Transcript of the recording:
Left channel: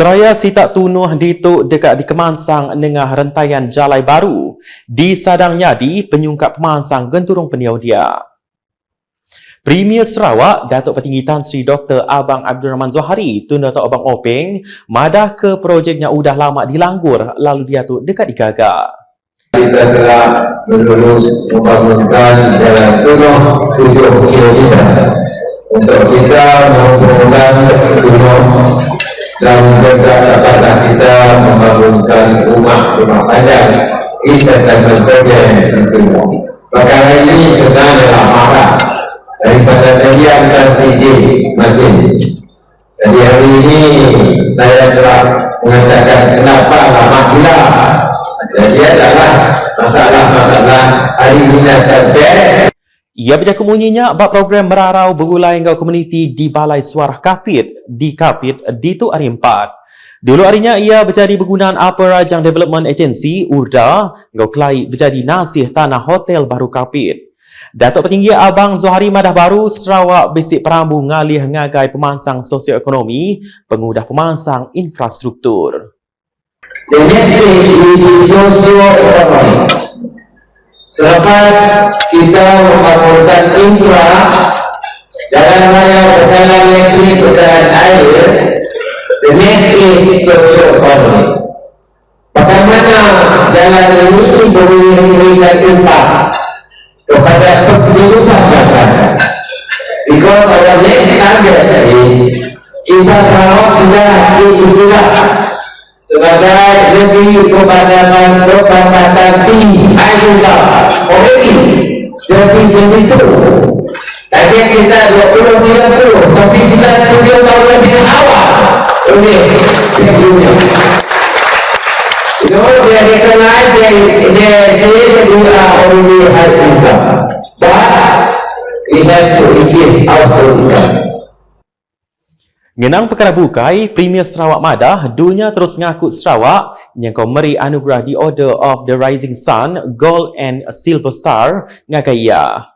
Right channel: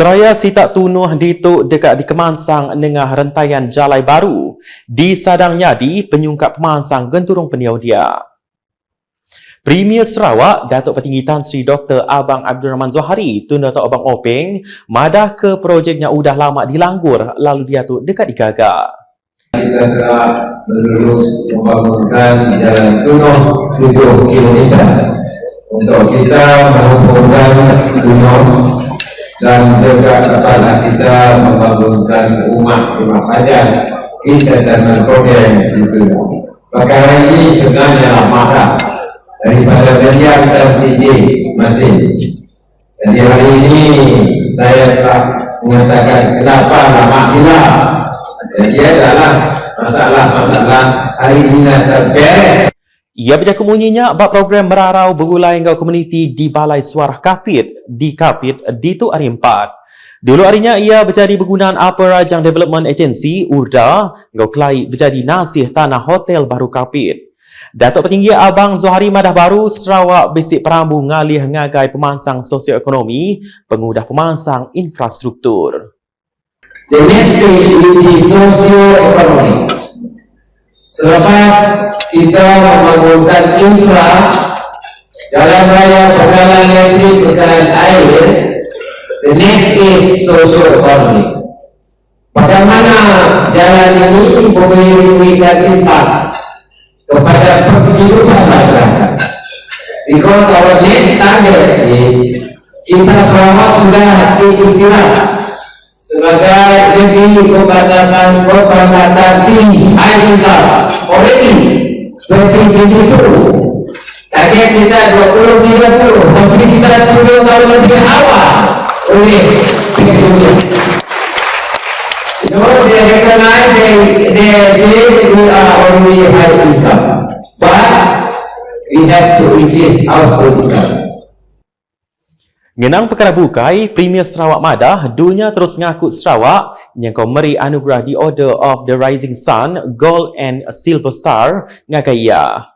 Seraya si tak tunuh dituk dekat di Kemansang nengah rentaian Jalai Baru. Di Sadang Nyadi, penyungkap Kemansang genturung peniau dia. Premier Sarawak, Datuk Petinggi Tan Sri Dr. Abang Abdul Rahman Zohari, tun Datuk Abang Openg, madah ke projeknya udah lama dilanggur lalu dia tu dekat digagak. kita telah berlulus membangunkan jalan tunuk tujuh kilometer untuk kita tunuk dan juga dapatlah kita membangunkan rumah-rumah padat di settlement program di tunuk. Perkara ini sebenarnya marah daripada Daniel dan CJ masing. Jadi hari ini saya telah mengatakan kenapa lama gila jadi adalah masalah-masalah hari ini dah terberes Ia berjaku bunyinya bab program merarau bergulai ngau komuniti di Balai Suara Kapit di Kapit di tu hari empat. Dulu harinya ia berjadi bergunaan Upper Rajang Development Agency URDA ngau kelai berjadi nasih tanah hotel baru Kapit. Datuk Petinggi Abang Zohari Madah Baru Sarawak Besik Perambu ngalih ngagai pemansang sosioekonomi, pengudah pemansang infrastruktur. the next selepas kita membangunkan infra jalan raya next is socio-economic bagaimana jalan ini boleh memberikan impak kepada kehidupan masyarakat? Because our next target is kita semua sudah diikulah sebagai negeri kebanyakan kebanyakan tinggi Aizullah already 2022 tadi kita 20 high income. But we have to increase household income. Ngenang perkara bukai, Premier Sarawak Madah dunia terus ngaku Sarawak yang kau meri anugerah di Order of the Rising Sun, Gold and Silver Star ngakai ia.